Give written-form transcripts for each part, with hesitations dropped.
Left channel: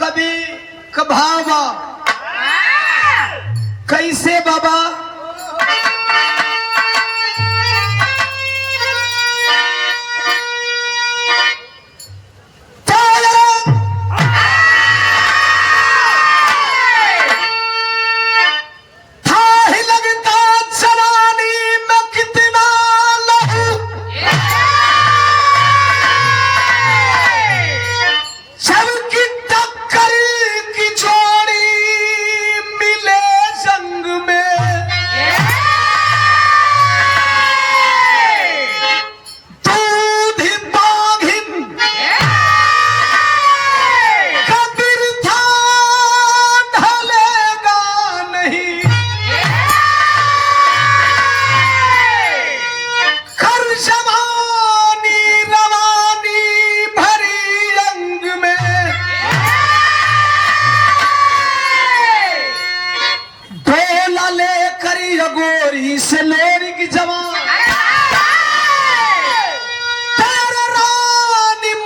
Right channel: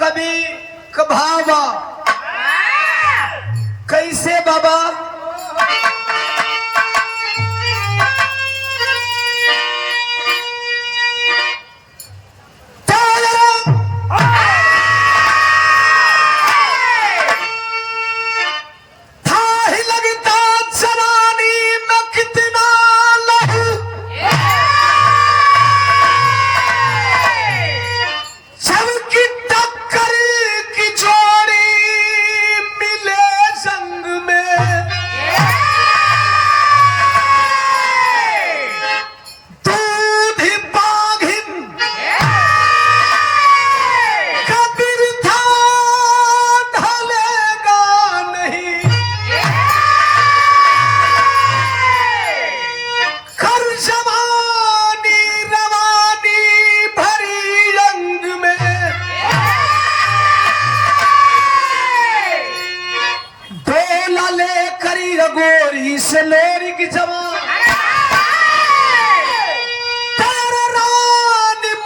कवि कभावा कैसे बाबा से लेरी की जवान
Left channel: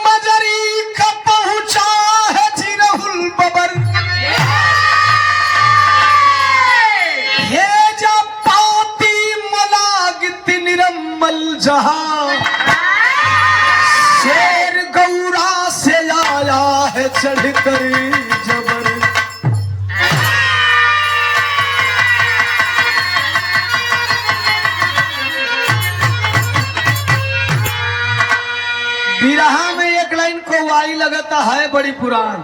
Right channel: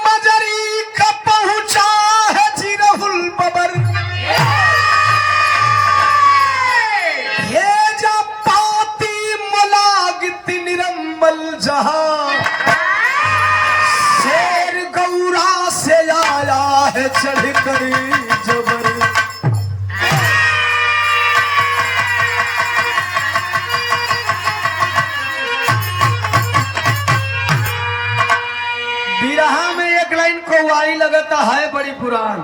मजरी का पहुंचा है जिरहुल बबर ये जब पाती मलागित निरम्मल जहां शेर गौरा से आया है चढ़कर बिरहा में एक लाइन को वारी लगता है बड़ी पुरान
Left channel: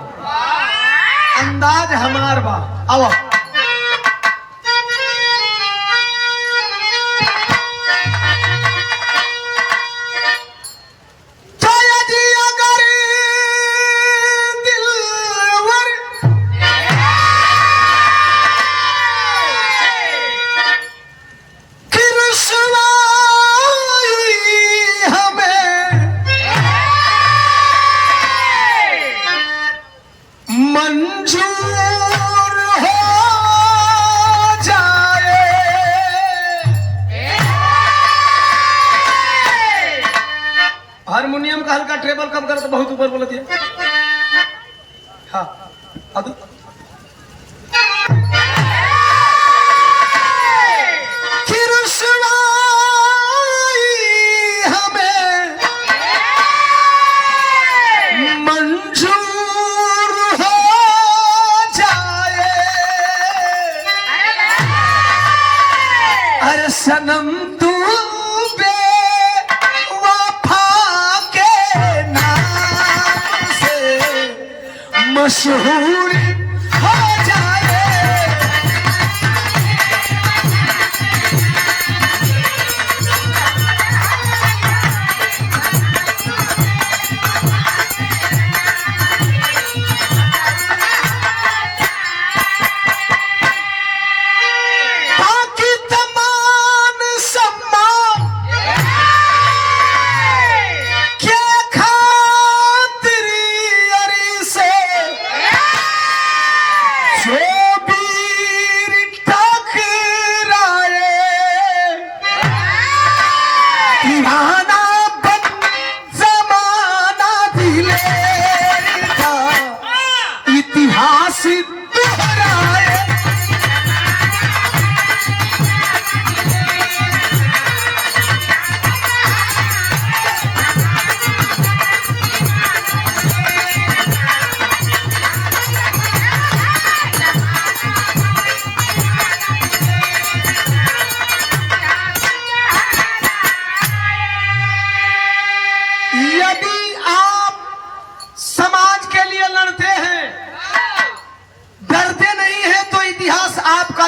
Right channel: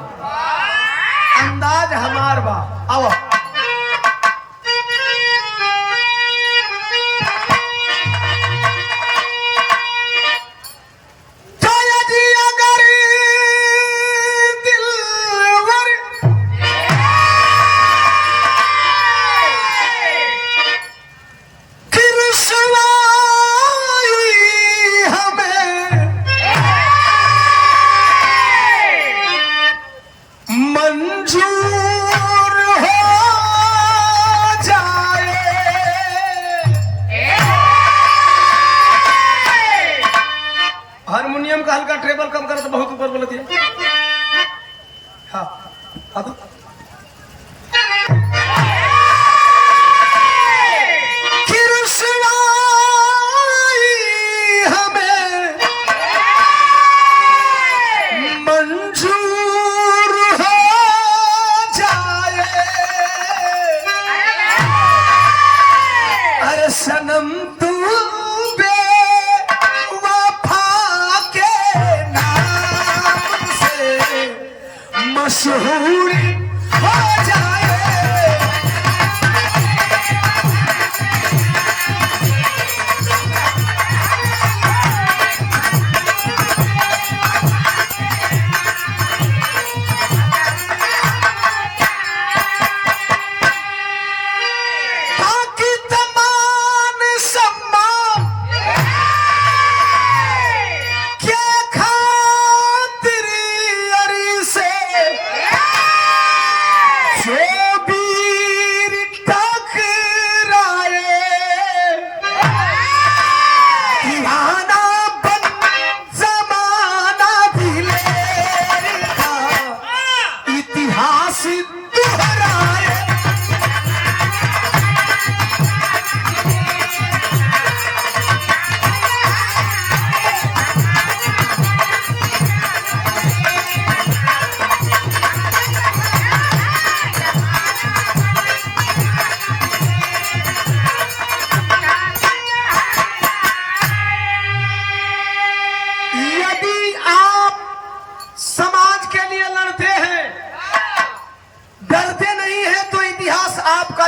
अंदाज हमार बा आओ हारमोनियम का हल्का ट्रेबल कम करो तो बहुत ऊपर बोल दिया। हाँ अभी हमें मंजूर हो जाए अरे सनम तू मशहूर हो जाए बाकी तमाम सम्मान क्या खातिरी अरी से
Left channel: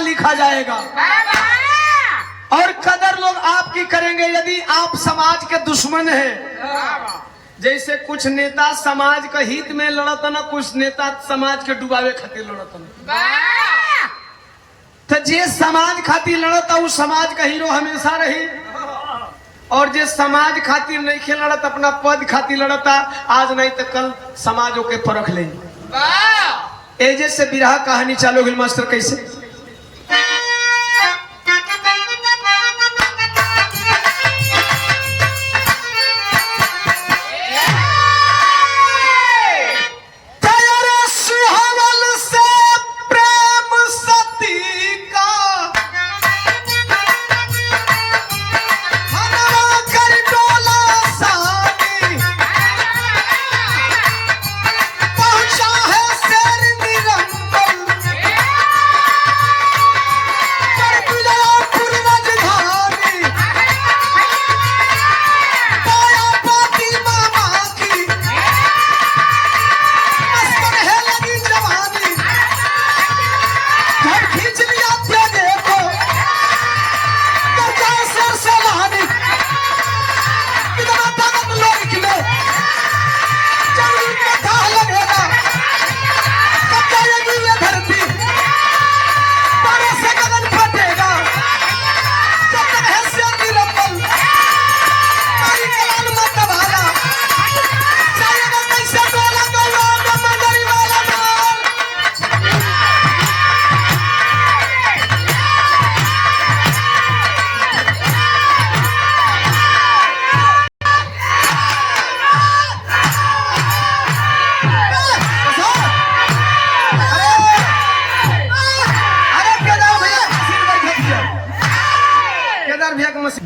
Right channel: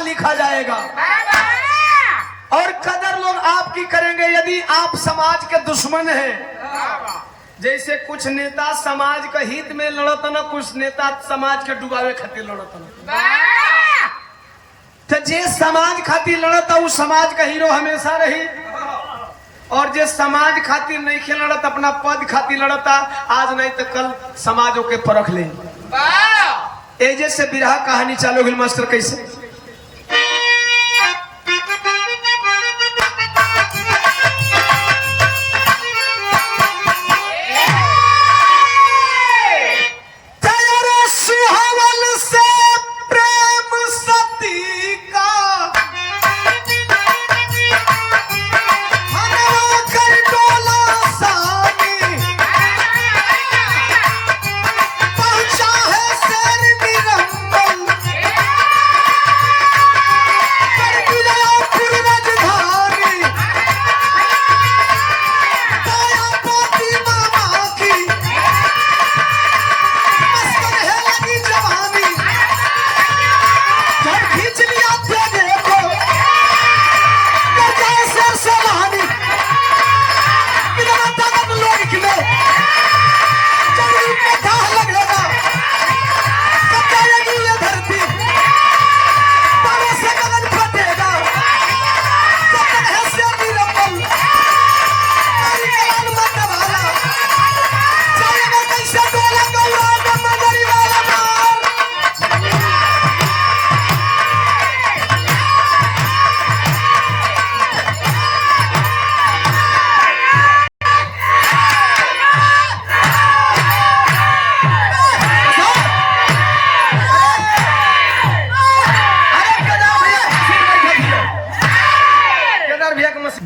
लिखा जाएगा और कदर लोग आपकी करेंगे यदि आप समाज के दुश्मन हैं। जैसे कुछ नेता समाज के हित में लड़त ना, कुछ नेता समाज के डुबावे खातिर लड़त ना। तो जे समाज खातिर लड़ता वो समाज का हीरो हमेशा रही और जे समाज खातिर नहीं खेल लड़त अपना पद खातिर लड़ता आज नहीं तो कल समाजों के परख ले। एजे से बिरहा कहानी चालू हुई मास्टर कैसे सुहा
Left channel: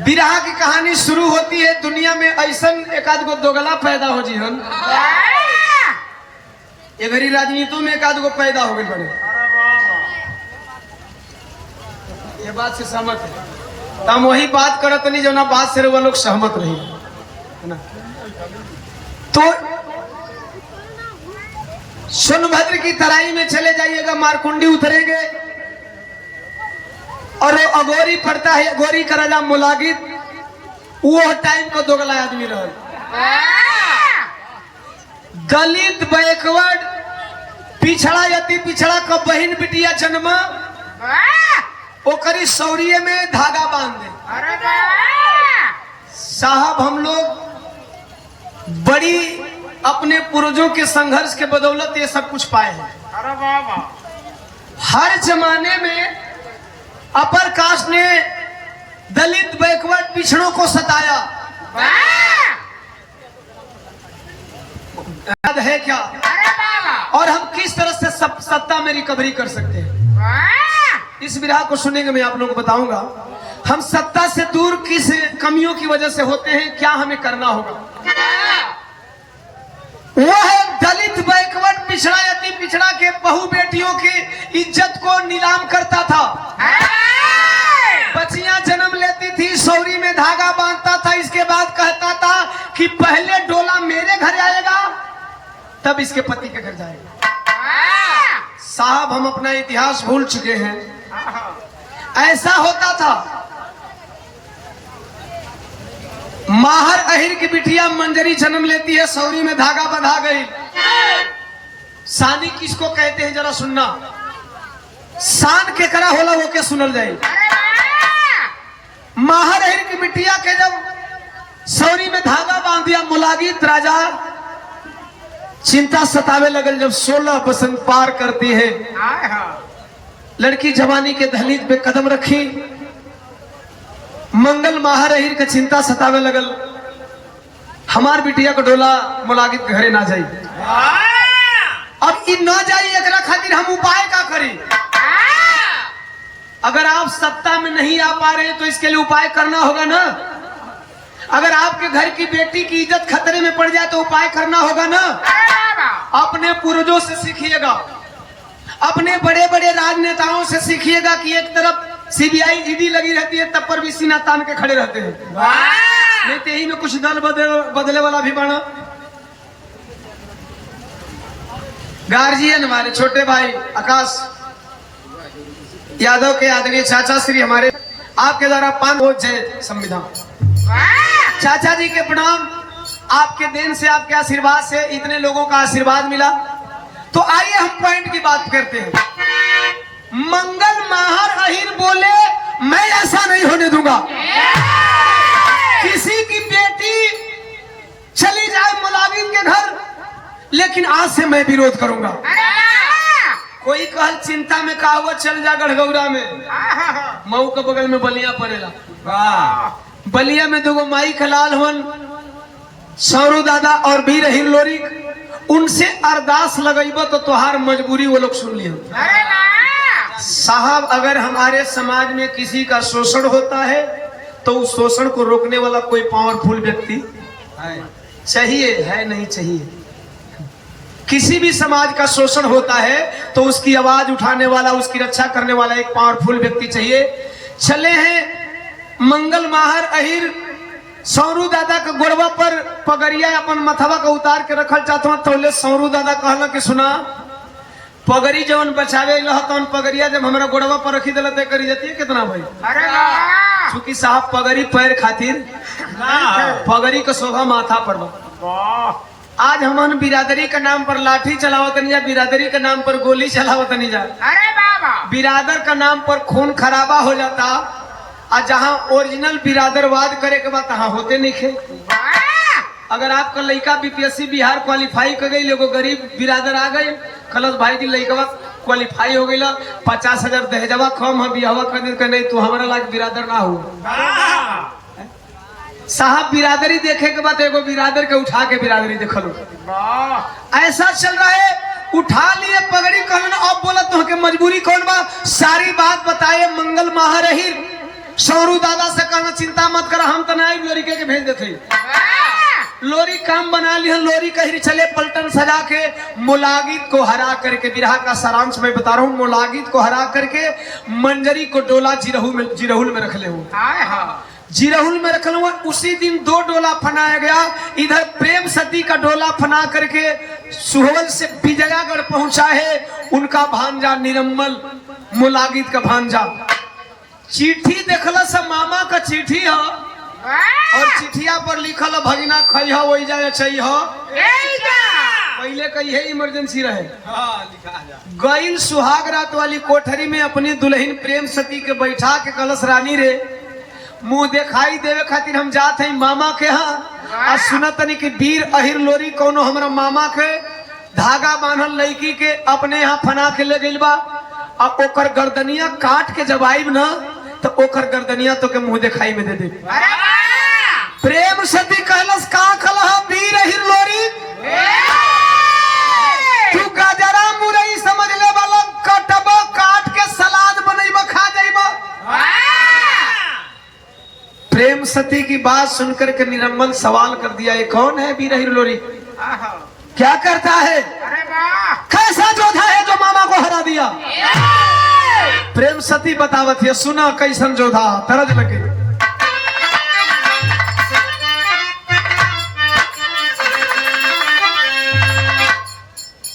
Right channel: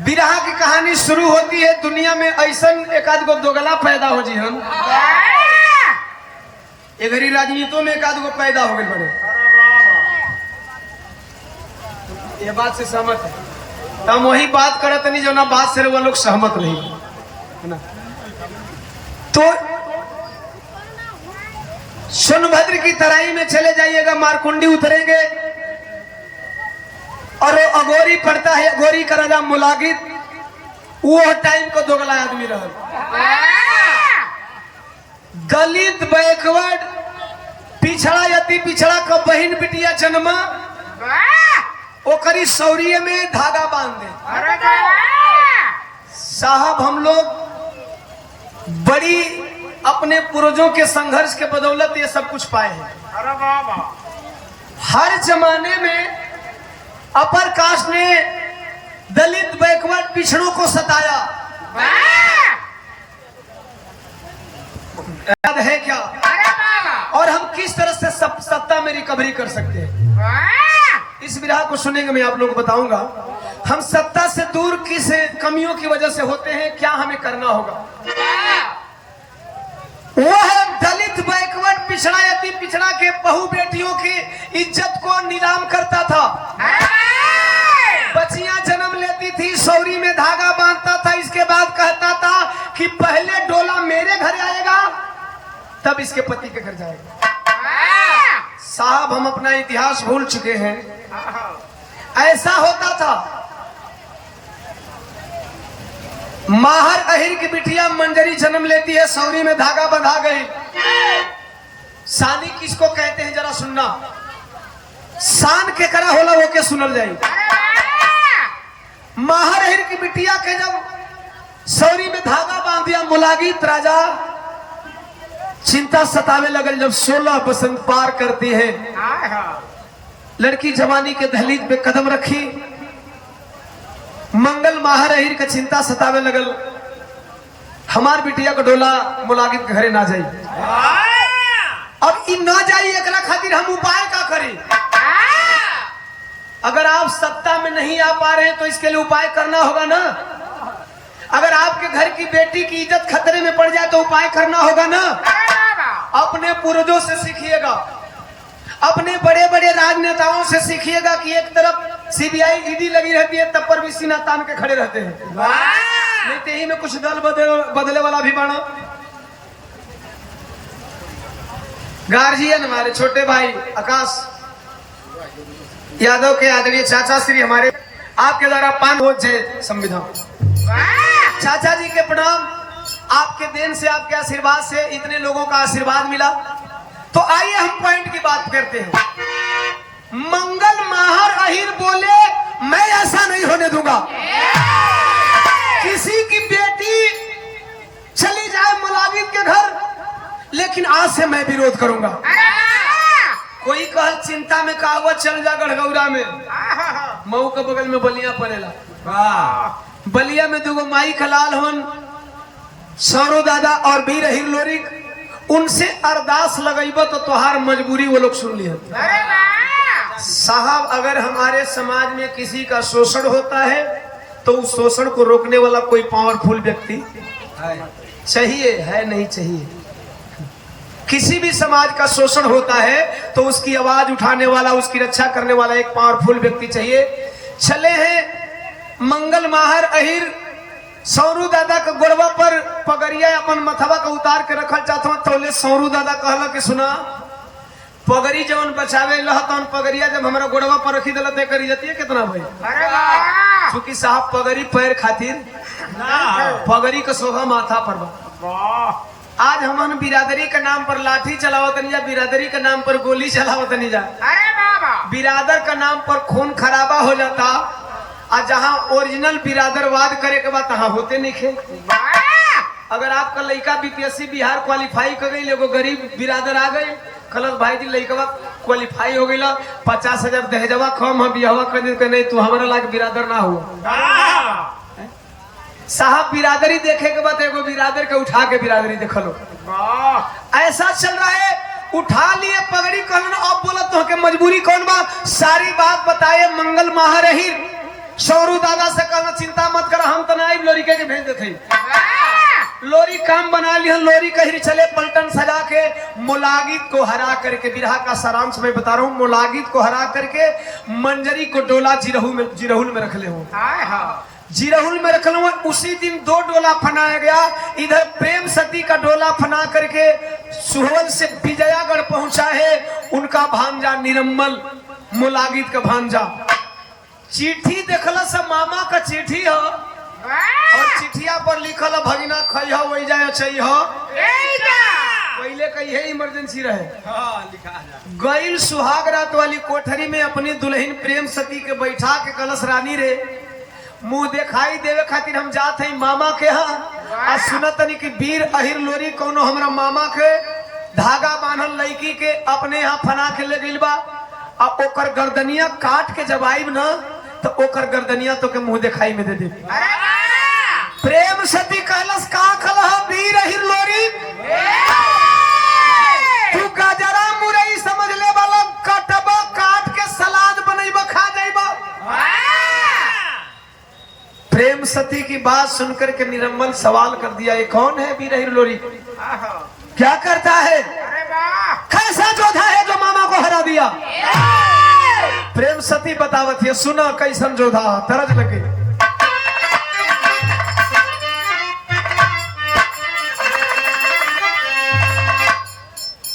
बिरहा की कहानी शुरू होती है। दुनिया में ऐसा एक आध गो दोगला पैदा हो जी हम इधरी राजनीतियों में एक आध गो पैदा हो गए। ये बात से सहमत है। हम वही बात करते नहीं जो ना बात से वो लोग सहमत नहीं। तो सोनभद्र की तराई में चले जाइएगा, मारकुंडी उतरेंगे और अगोरी पड़ता है, गोरी का राजा मुलागित, वो टाइम को दोगला आदमी रहा। दलित बैकवर्ड पिछड़ा यति पिछड़ा का बहन बिटिया जन्मा ओकरी सौरिये में धागा बांध दे। साहब हम लोग बड़ी अपने पूर्वजों के संघर्ष के बदौलत ये सब कुछ पाए हैं। हर जमाने में अपर कास्ट ने दलित बैकवर्ड पिछड़ों को सताया, याद है क्या? और हम किस तरह से सत्ता में रिकवरी कर सकते हैं, इस विरह को सुनेंगे। मैं आप लोगों को बताऊंगा हम सत्ता से दूर किस कमियों की वजह से होते हैं, क्या हमें करना होगा। वो है दलित बैकवर्ड पिछड़ा यति पिछड़ा के बहु बेटियों की इज्जत को नीलाम करता था। बच्चियां जन्म लेती थी, सौरी में धागा बांधता था, इसके बाद कहता था कि पहले डोला मेरे घर आएगा तब इसके पति के घर जाएगा। साहब हम अपना इतिहास भूल चुके हैं। ऐसा होता था। माहर अहिर की बिटिया मंजरी जन्म लेती है, सौरी में धागा बंधा गई। सानी किसको कहते हैं जरा सुनना, शान के करा होला वो के सुनल जाए। माहर अहिर की बिटिया के जब सौरी में धागा बांध दिया, मुलागित राजा चिंता सतावे लगल। जब 16 बसंत पार करती है, लड़की जवानी के दहलीज पे कदम रखी, मंगल माहर अहिर के चिंता सतावे लगल, हमार बिटिया को डोला मुलागित के घरे ना जाई। अब इन ना जाई एकरा खातिर हम उपाय का करी। अगर आप सत्ता में नहीं आ पा रहे तो इसके लिए उपाय करना होगा ना। अगर आपके घर की बेटी की इज्जत खतरे में पड़ जाए तो उपाय करना होगा ना। अपने पूर्वजों से सीखिएगा, अपने बड़े बड़े राजनेताओं से सीखिएगा कि एक तरफ सीबीआई ईडी लगी रहती है तब पर भी सीना तान के खड़े रहते हैं। नहीं तो यही में कुछ दल बदले वाला भी बना। गार्जियन हमारे छोटे भाई आकाश यादव के आदरणीय चाचा श्री हमारे आपके द्वारा 5 वोट जय संविधान। चाचा जी के प्रणाम। आपके देन से, आपके आशीर्वाद से इतने लोगों का आशीर्वाद मिला। तो आइए हम पॉइंट की बात करते हैं। मंगल माहर अहिर बोले मैं ऐसा नहीं होने दूंगा, किसी की बेटी चली जाए मुलाजिम के घर, लेकिन आज से मैं विरोध करूंगा। कोई कहा चिंता में कहावत चल जा गढ़गौरा में, मऊ के बगल में बलिया पड़ेला। बलिया में 2 माई खलाल हन, सौरू दादा और वीर अहिर लोरिक। उनसे अरदास लगेबो तो तुहार मजबूरी वो लोग सुन लिया। साहब अगर हमारे समाज में किसी का शोषण होता है तो उस शोषण को रोकने वाला कोई पावरफुल व्यक्ति चाहिए, है नहीं चाहिए। किसी भी समाज का शोषण होता है तो उसकी आवाज उठाने वाला, उसकी रक्षा करने वाला एक पावरफुल व्यक्ति चाहिए। चले हैं मंगल माहर अहिर सौरू दादा के गोड़वा पर पगड़िया अपन मथवा का उतार के रखल चाहता हूं। तो सौरू दादा कहला कि सुना, पगड़ी जवन बचावे लहतन पगड़िया जब हमारा गोड़वा पर रखी दिला तो करी जाती है कितना भाई। क्योंकि साहब पगड़ी पैर खातिर, पगड़ी का शोभा माथा पर। आज हम बिरादरी के नाम पर लाठी चलावत नहीं जा, बिरादरी के नाम पर गोली चलावत नहीं जा। बिरादर का नाम पर खून खराबा हो जाता, और जहाँ ओरिजिनल बिरादरवाद करे के बाद तहाँ होते नहीं खे। अगर आपका लड़का बीपीएससी बिहार क्वालिफाई कर गई, लोगों गरीब बिरादर आ गए, कलश भाई जी लड़का क्वालिफाई हो गई, 50,000 दहेजवा कम है, बिहवा कर दिन का नहीं तो हमारा लाख बिरादर ना हुआ। साहब बिरादरी देखे के बाद एगो बिरादर के उठा के बिरादरी देख लो। ऐसा चल रहा है, उठा लिए पगड़ी कहना। अब बोला तो कि मजबूरी कौन बात, सारी बात बताए मंगल माहर अहिर सौरू दादा से कहना चिंता मत कर, हम तो नहीं लोरी के भेज देते। लोरी काम बना लिया, लोरी कहीं चले पलटन सजा के मुलागित को हरा करके, बिरहा का सारांश में बता रहा हूँ, मुलागित को हरा करके मंजरी को डोला जिरहुल में रख ले हो, जिरहुल में रख लूंगा। उसी दिन 2 डोला फनाया गया। इधर प्रेम सती का डोला फना करके सुहल से विजयागढ़ पहुंचा है उनका भांजा निरम्मल, मुलागित का भांजा। चिट्ठी देखला सब मामा का चिट्ठी है और चिट्ठिया पर लिखल है भगिना खइहा वही जाए चाहिए। पहले कही इमरजेंसी रहे। गईल सुहाग रात वाली कोठरी में अपनी दुल्हन प्रेम सती के बैठा के कलश रानी रे मुंह दिखाई देवे खातिर हम जात है मामा के यहाँ। सुनतनी कि वीर अहिर लोरी कोनो हमरा मामा के धागा बांधल लड़की के अपने यहाँ फना के ले गइल बा। अब ओकर गर्दनिया काट के जब आइब न तो ओकर गर्दनिया तो के मुंह दिखाई में दे दी। प्रेम सती कहलस का कलह वीर अहिर लोरी, तू गजरा मुरई समझ ले वाला कटबा काट के सलाद बनैबा खा देबा। प्रेम सती की बात सुनकर के निरम्मल सवाल कर दिया, ये कौन है वीर अहिर लोरी, क्या करता है, कैसा जोधा है जो मामा को हरा दिया। प्रेम सती बतावत है, सुना कैसन जोधा तरज लगे।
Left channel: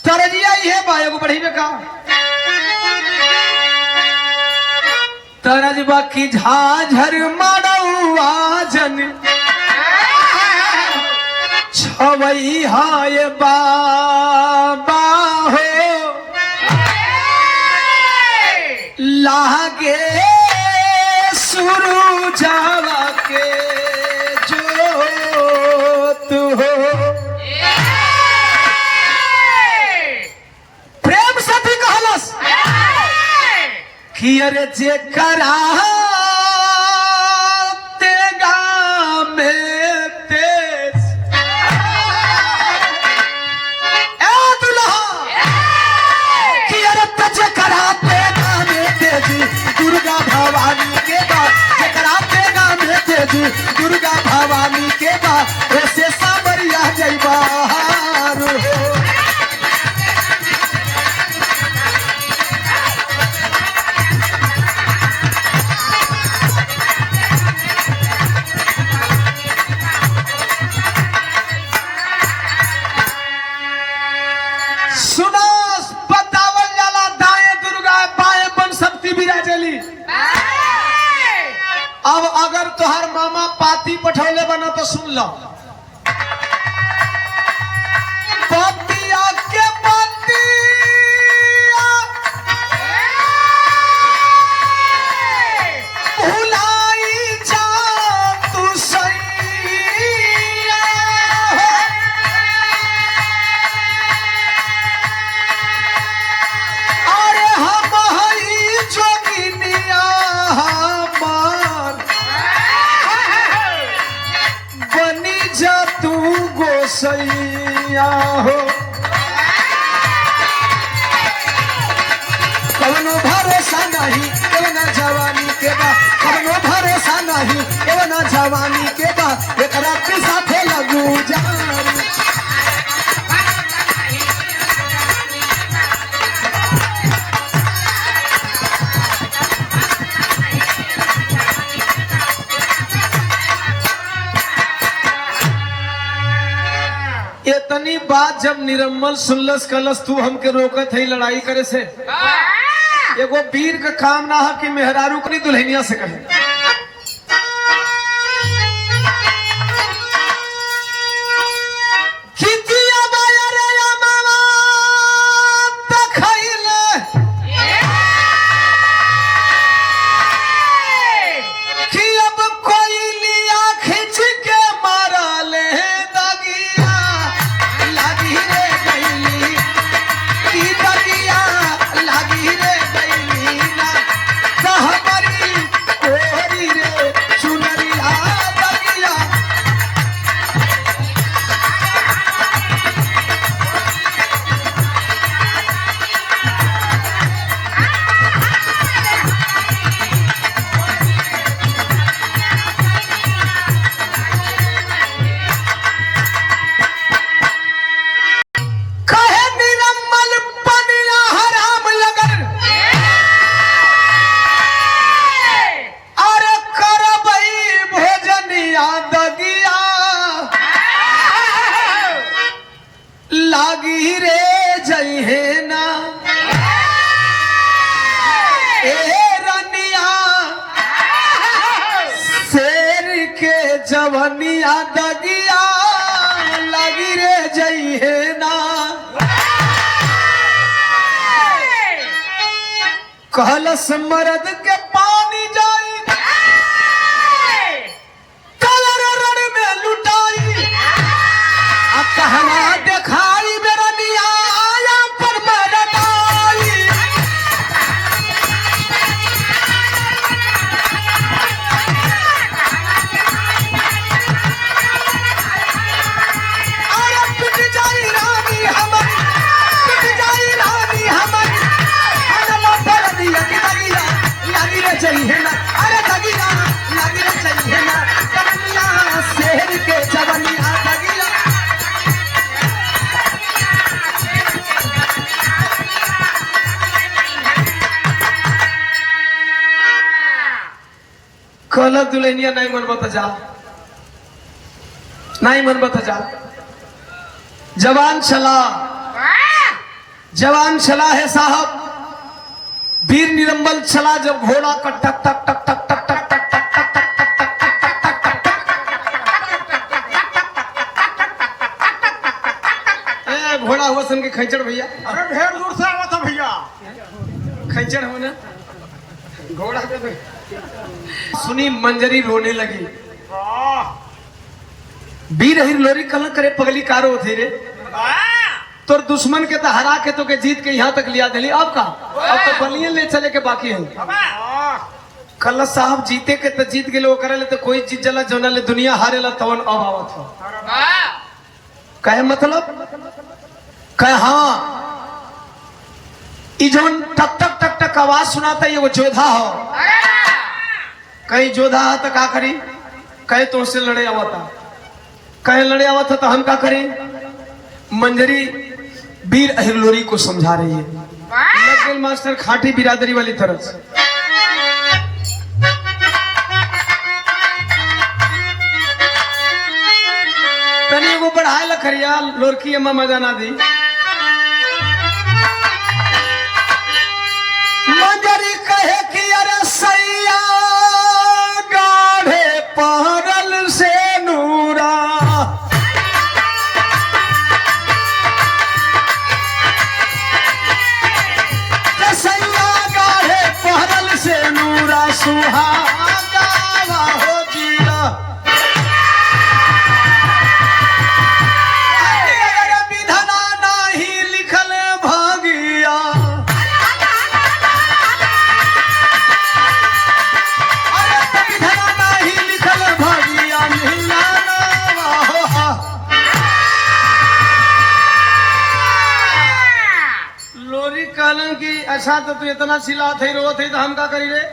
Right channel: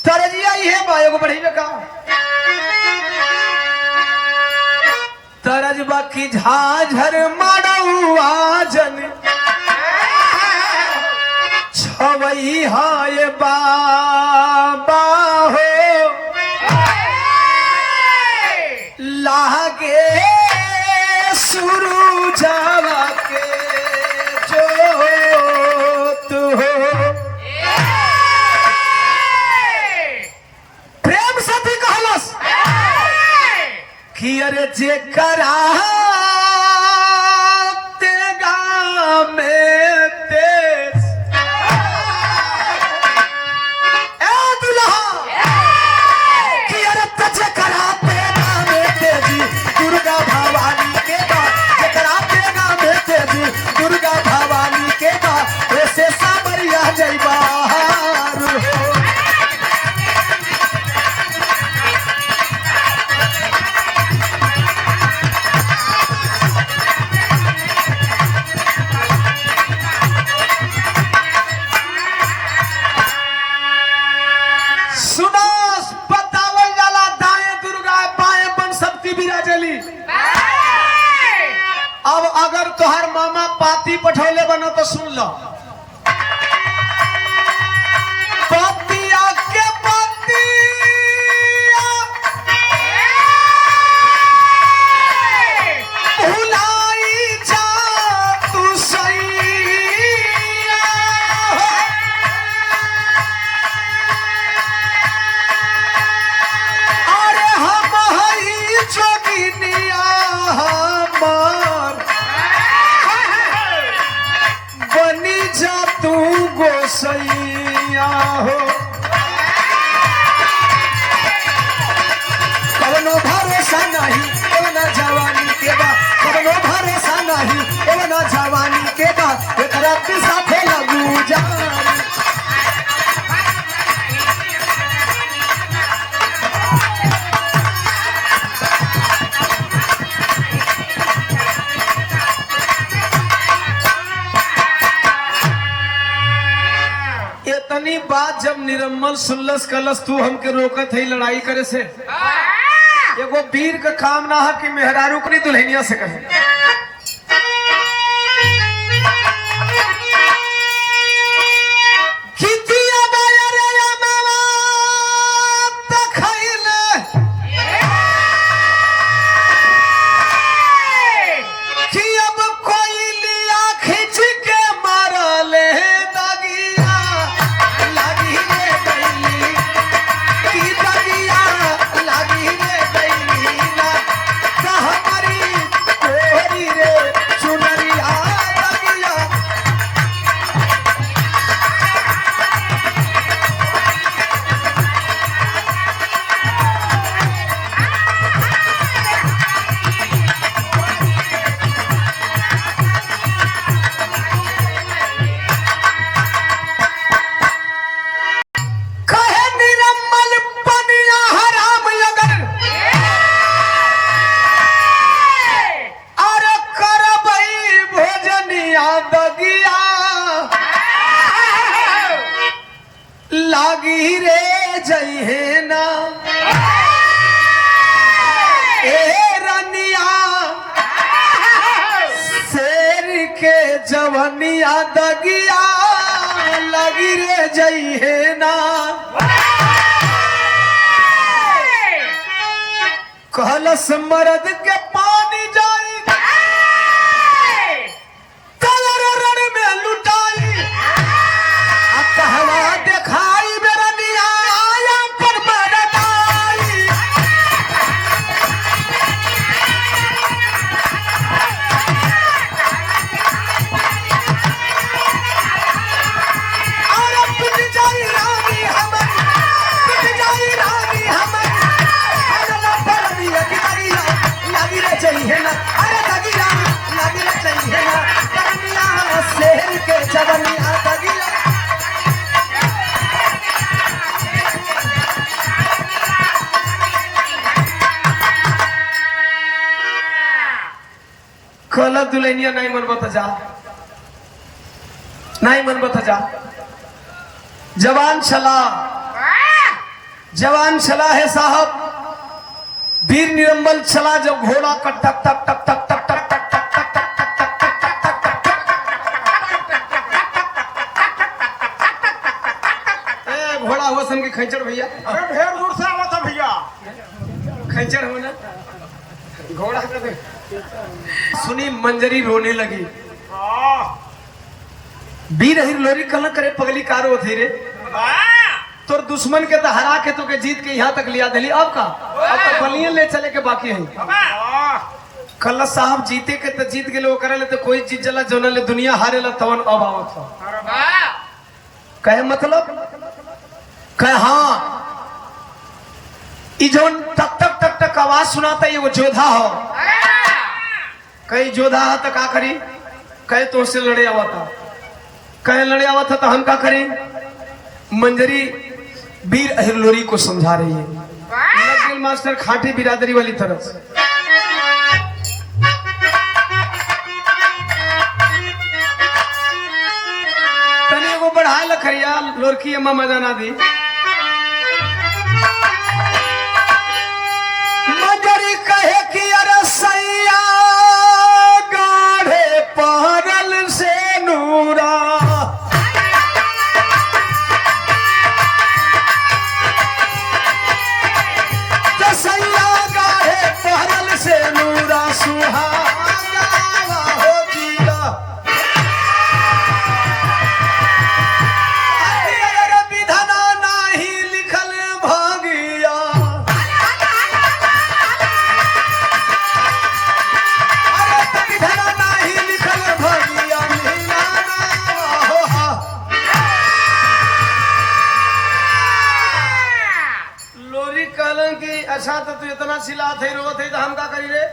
तरजिया ही है बायो को बढ़ी में का तरजबा की झाझर मड़ौआ जन छवई हाय बाबा हो लागे शुरू जावा के जो तू हो। प्रेम सती कहलस कि अरे जे करा तेगा में तेज ए दुल्हा कि अरे तजे करा तेगा में तेज दुर्गा भवानी के बा, जे करा तेगा में तेज दुर्गा भवानी के बा, ऐसे सावरिया जइबा पठौले बनो तो सुन लो। पतिया के पतिया भुलाई जा तू सैया, अरे हम हई जोगिनिया हमार बनी जा तू गोसैया हो। कवनो भरोसा नहीं ना जवानी के बा, कवनो भरोसा नहीं ना जवानी के बा, एकरा के साथे लगू जवानी। इतनी बात जब निरम्मल सुनलस कलस तू हमके रोकत है लड़ाई करे से, एगो वीर का काम ना है कि मेहरारू अपनी दुल्हनिया से कहे। जवनिया दगिया लगी रे जई है ना कहल मरद के पानी जाई तलरण में लुटाई कहवा देखाई मेरा मिया आया पर मेरे काई चाहिए ना अरे दगिला लगी रे चाहिए ना दगिला शहर के जवनिया दगिला कल दुल्हनिया नहीं मन बता जा नहीं मन बता जा जवान चला है साहब वीर निरंबल चला जब घोड़ा का टक टक टक टक टक टक टक टक टक टक घोड़ा हो सन के खैचड़ भैया ढेर दूर से आवा था भैया खैचड़ हो ना घोड़ा का सुनी मंजरी रोने लगी वीर हिर लोरी कल करे पगली कार थी रे तोर दुश्मन के तो हरा के तो के जीत के यहाँ तक लिया दिली अब का अब तो बलियन ले चले के बाकी है कल साहब जीते के तो जीत गए करे तो कोई चीज जला जोना ले दुनिया हारे ला तवन अब आवत हो कहे मतलब कहे हाँ ई जोन टक टक टक टक आवाज सुनाता है ये वो जोधा हो कहीं जोधा है तो का करी कहे तो उससे लड़े आवता कहे लड़े आवता तो हम का करें मंजरी वीर अहिरलोरी को समझा रही है मास्टर खाटी बिरादरी वाली तरफ से तनी वो बढ़ा लखरिया लोरकी अम्मा मजा ना दी मंजरी कहे कि अरे सैया गाढ़े पहरल से नूरा सुहागा हो जीरा विधना नहीं लिखल भागिया विधना नहीं लिखल भागिया लोरी कहलों की अच्छा तो तू इतना चिल्ला थे रो थे तो हम का करी रे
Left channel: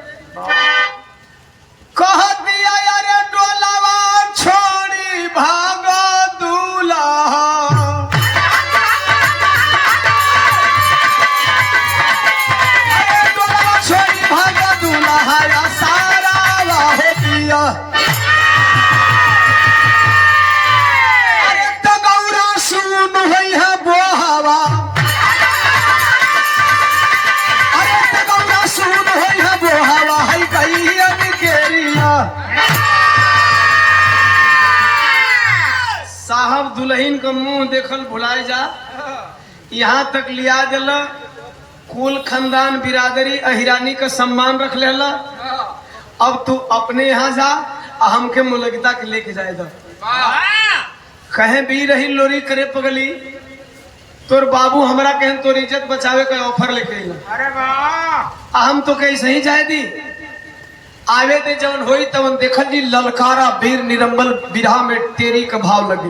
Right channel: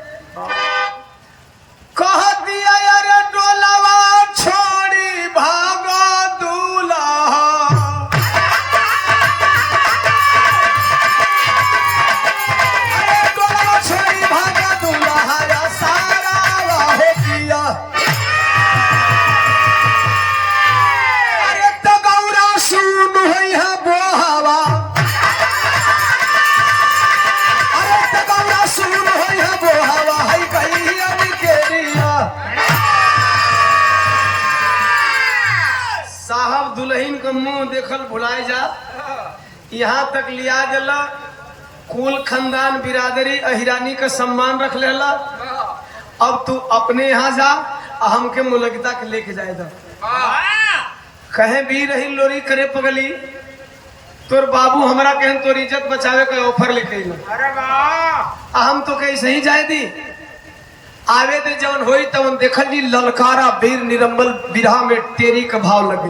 कह दिया यार डोलावा छोड़ी भागो दूल्हा डोलावा छोड़ी भागो दूल्हा या सारा हो दिया अरे तगौरा सुन होई है बोहावा अरे तगौरा सुन होई है बोहावा है कहीं साहब दुल्हन का मुंह देखल भुलाई जा यहाँ तक लिया दिल कुल खानदान बिरादरी अहिरानी का सम्मान रख लेला अब तू अपने यहाँ जा हमके मुलगिता के लेके जाएगा कहे भी रही लोरी करे पगली तोर बाबू हमारा कहे तोर इज्जत बचावे का ऑफर लेके हम तो कैसे ही जाए दी आवे ते जवन होई तवन देखल जी ललकारा वीर निरंबल बिरहा में तेरी का भाव लगे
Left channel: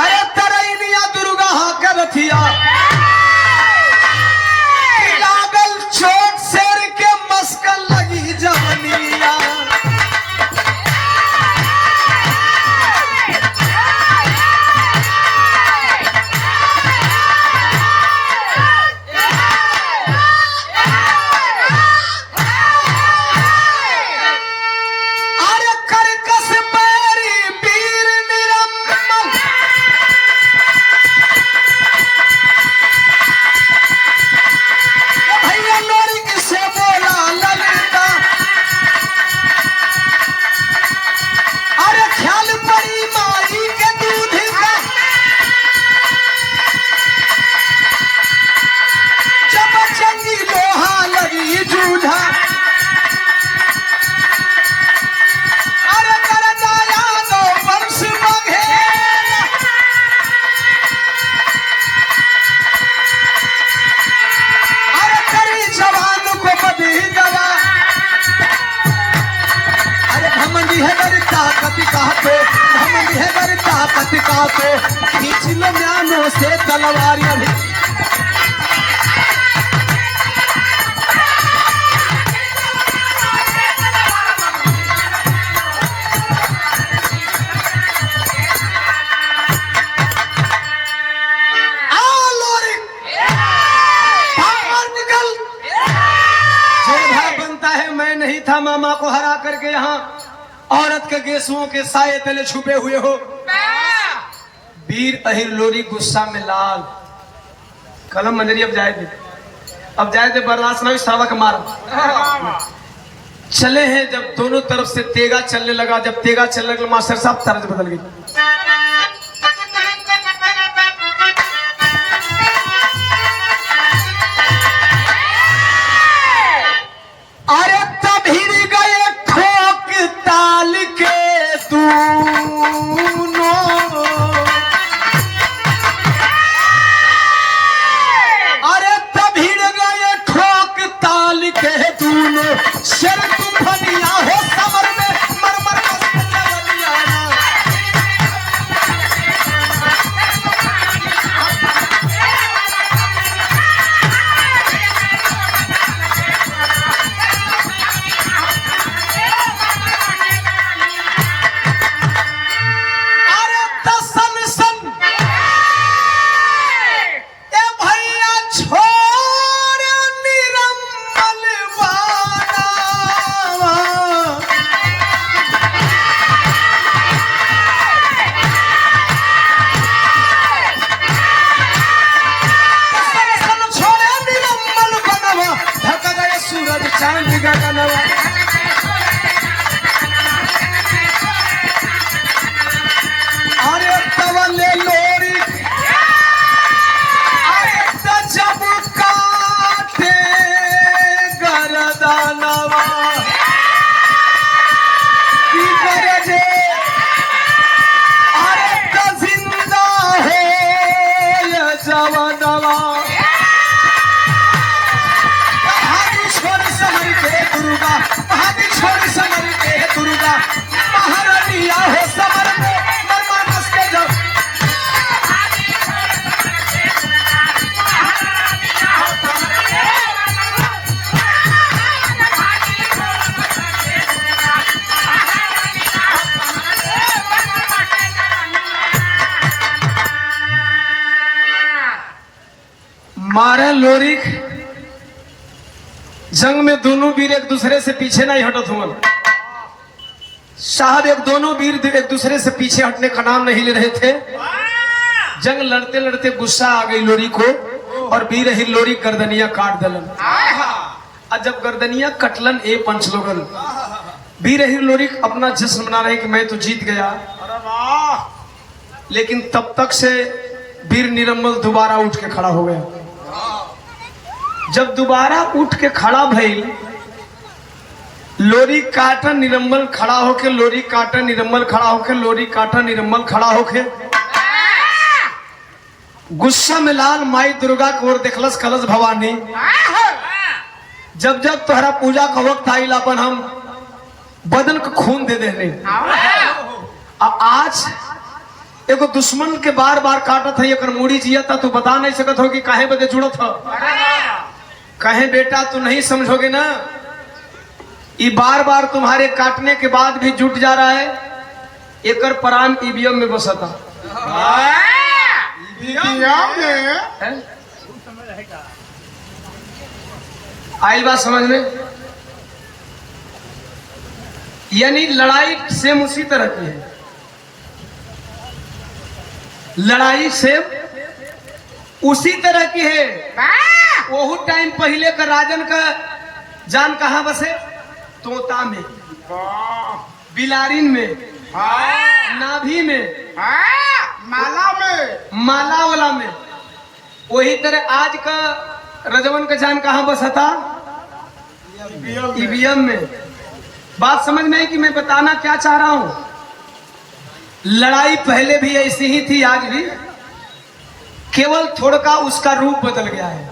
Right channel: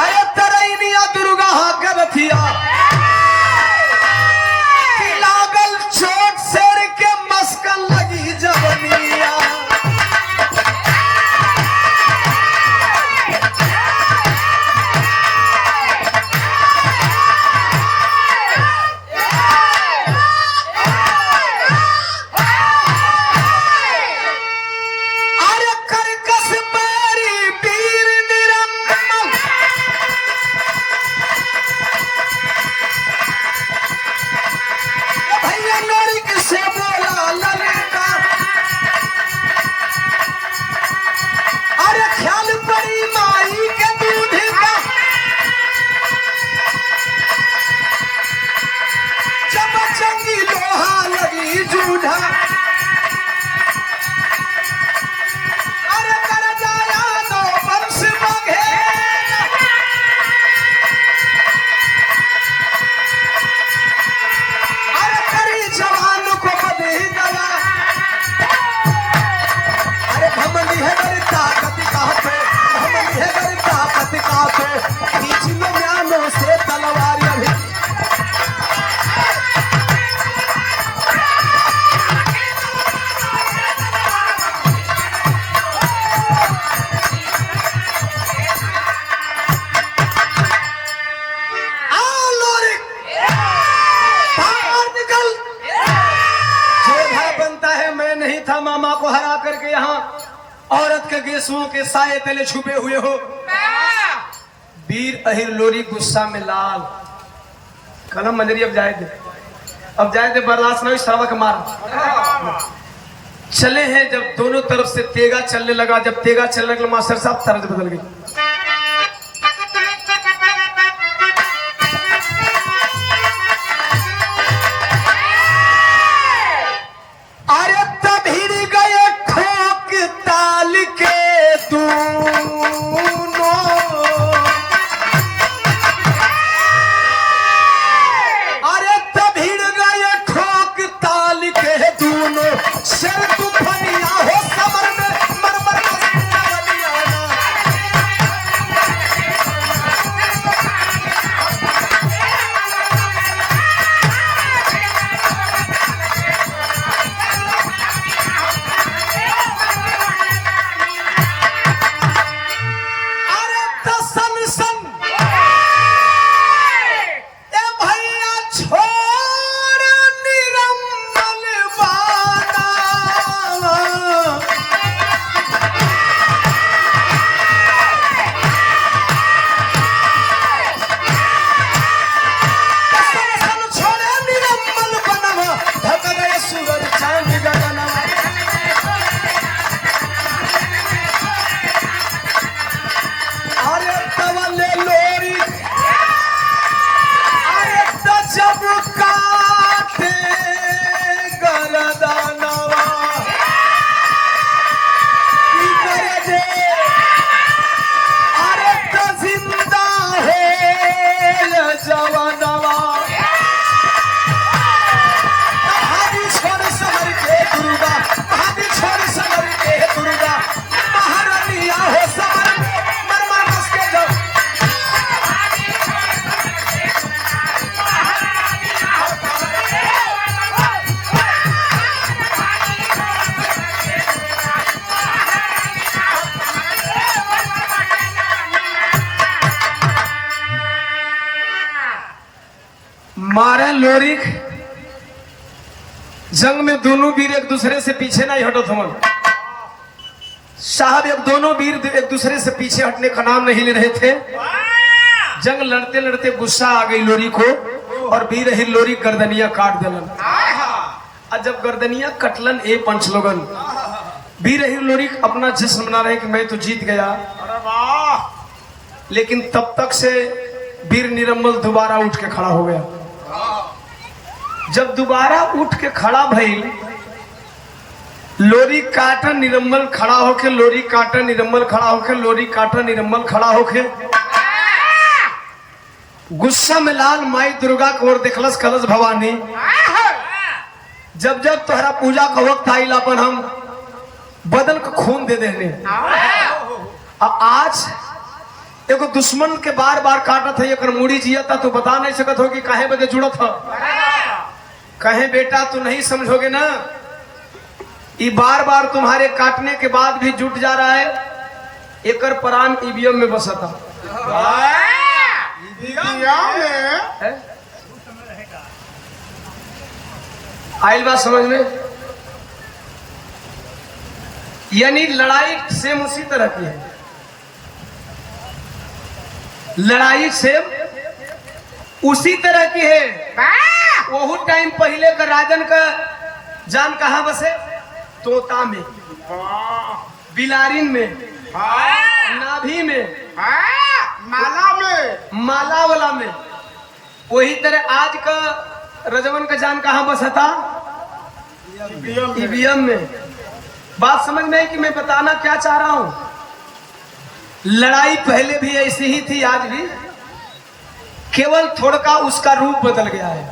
अरे तरैनिया दुर्गा हाकर लथिया लागल चोट सर के मस्कल लगी जवनिया अरे कर को हरा करके यहाँ औरत के गेसुओं के साए तले छुपे हुए हो। वीर अहिर लोरी गुस्सा में लाल कलम मंजरी अब जाए दे बर्दाश्त नहीं सावक मार चले हैं। जब दोनों तरफ से तेगा चलने लगा, जब तेगा चलने लगा मास्टर साहब तरज बदल गई। अरे तब हिर गए खोक ताल के दूनों, अरे तब हिर गए खोक ताल के दूनों, शर तूफानिया हो समर में मरमर का मारे लोरिक। जंग में दोनों वीर एक दूसरे से पीछे नहीं हटत हमन साहब, एक दोनों वीर एक दूसरे से पीछे हटने का नाम नहीं ले रहे थे। जंग लड़ते लड़ते गुस्सा आ गई लोरी को और वीर ही लोरी गर्दनिया काट दिलन। और जब गर्दनिया कटलन ए पंच लोगन, वीर ही लोरी अपना जश्न मना रहे कि मैं तो जीत गया। लेकिन तब तक से वीर निरम्मल दोबारा उठ के खड़ा हो गया। जब दोबारा उठ के खड़ा भई, लोरी काटन निरम्मल खड़ा होके, लोरी काटन निरम्मल खड़ा होके, लोरी काटन निरम्मल खड़ा होके गुस्सा में लाल माई दुर्गा को और देखलस कलश भवानी। जब जब तुम्हारा पूजा का वक्त आइल अपन हम बदन को खून दे देने। आज एगो दुश्मन के बार बार काटत है, एक मूड़ी जियता तो बता नहीं सकत हो कि काहे बदे जुड़त हो। कहे बेटा तू नहीं समझोगे ना, ये बार बार तुम्हारे काटने के बाद भी जुट जा रहा है। एकर प्राण ईवीएम में बसा था। आई बात समझ में? यानी लड़ाई सेम उसी तरह की है। लड़ाई सेम उसी तरह की है। वो टाइम पहले का राजन का जान कहां बसे? तोता में, बिलारिन में, नाभि में, माला वाला में। वही तरह आज का रजवन का जान कहां बसा था? ईवीएम में। बात समझ में है कि मैं बताना क्या चाह रहा हूं? लड़ाई पहले भी ऐसी ही थी, आज भी, केवल थोड़ा उसका रूप बदल गया है।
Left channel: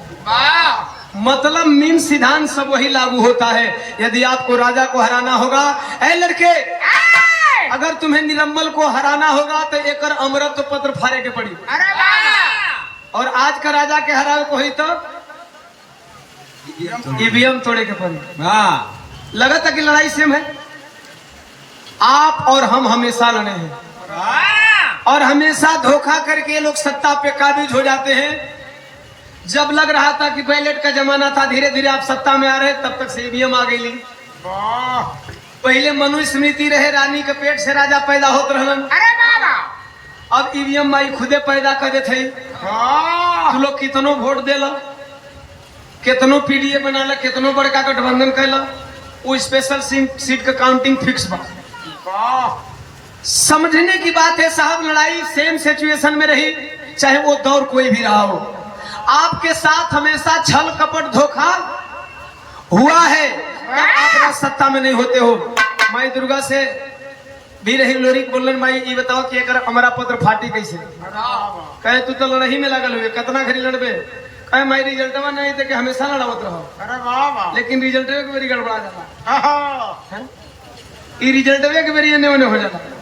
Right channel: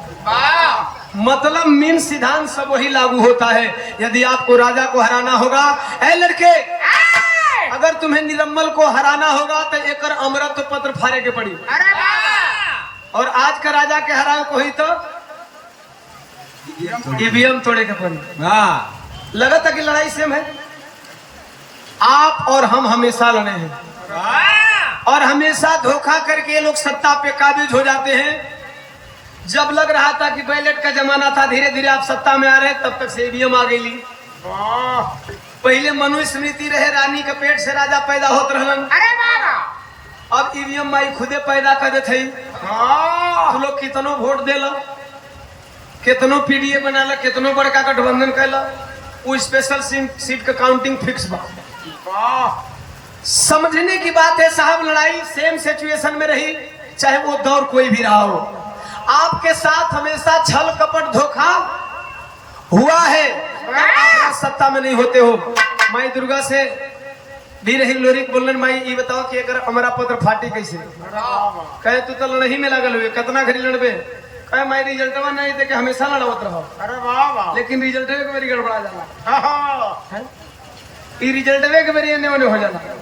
मतलब मीन सिद्धांत सब वही लागू होता है। यदि आपको राजा को हराना होगा, ए लड़के, अगर तुम्हें निरम्मल को हराना होगा तो एक अमृत पत्र फाड़े के पड़ी। और आज का राजा के हरावे को ही तो ईवीएम तोड़े के पड़ी। लगा था कि लड़ाई सेम है। आप और हम हमेशा लड़े हैं और हमेशा धोखा करके ये लोग सत्ता पे काबिज हो जाते हैं। जब लग रहा था कि बैलेट का जमाना था, धीरे धीरे आप सत्ता में आ रहे, तब तक से ईवीएम आ गई। वाह पहले मनु स्मृति रहे, रानी के पेट से राजा पैदा होत रहलन। अरे बाबा अब ईवीएम माई खुदे पैदा करे थे। हाँ तू लोग कितनो वोट देला, कितनो पीडीए बनाला, कितनो बड़का गठबंधन कैला, वो स्पेशल सीट का काउंटिंग फिक्स बा। वाह समझने की बात है साहब, लड़ाई सेम सिचुएशन में रही, चाहे वो दौर कोई भी रहा हो। आपके साथ हमेशा छल कपट धोखा हुआ है, आप सत्ता में नहीं होते हो। माई दुर्गा से वीर हिंगलोरी बोलन, माई ये बताओ कि अगर हमारा पत्र फाटी कैसे? कहे तू तो लड़ाई में लागल हुए, कितना घड़ी लड़बे? कहे माई रिजल्ट नहीं थे कि हमेशा लड़ावत रहो, अरे वाह वाह लेकिन रिजल्ट के मेरी गड़बड़ा जाना, हाँ ये रिजल्ट के मेरी एने ओने हो जाना।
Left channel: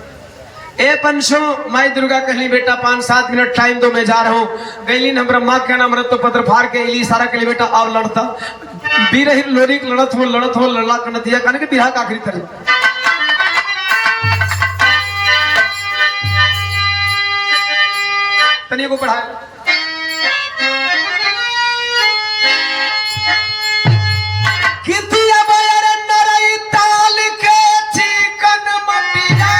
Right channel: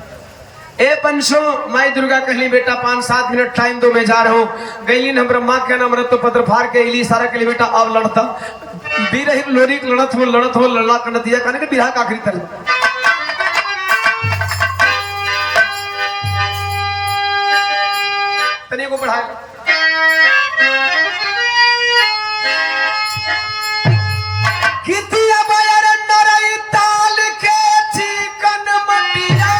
ए पंचो, माई दुर्गा कहली बेटा 5-7 मिनट टाइम दो, मैं जा रहा हूँ। गैली न ब्रह्मा के नाम तो पत्र फाड़ के इली सारा के लिए बेटा अब लड़ता वीर हिंगलोरी लड़त हो लड़ा कर दिया कहने के बिहार का आखिरी तरीका। तनिए को बढ़ा कितिया बयर नरई ताल के चिकन मटिया,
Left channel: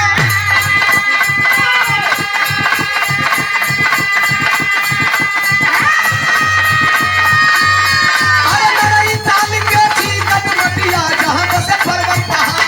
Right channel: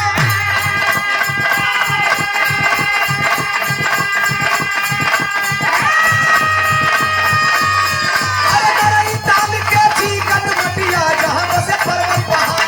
नरई ताल के चिकन मटिया, जहां से पर्वत पहाड़।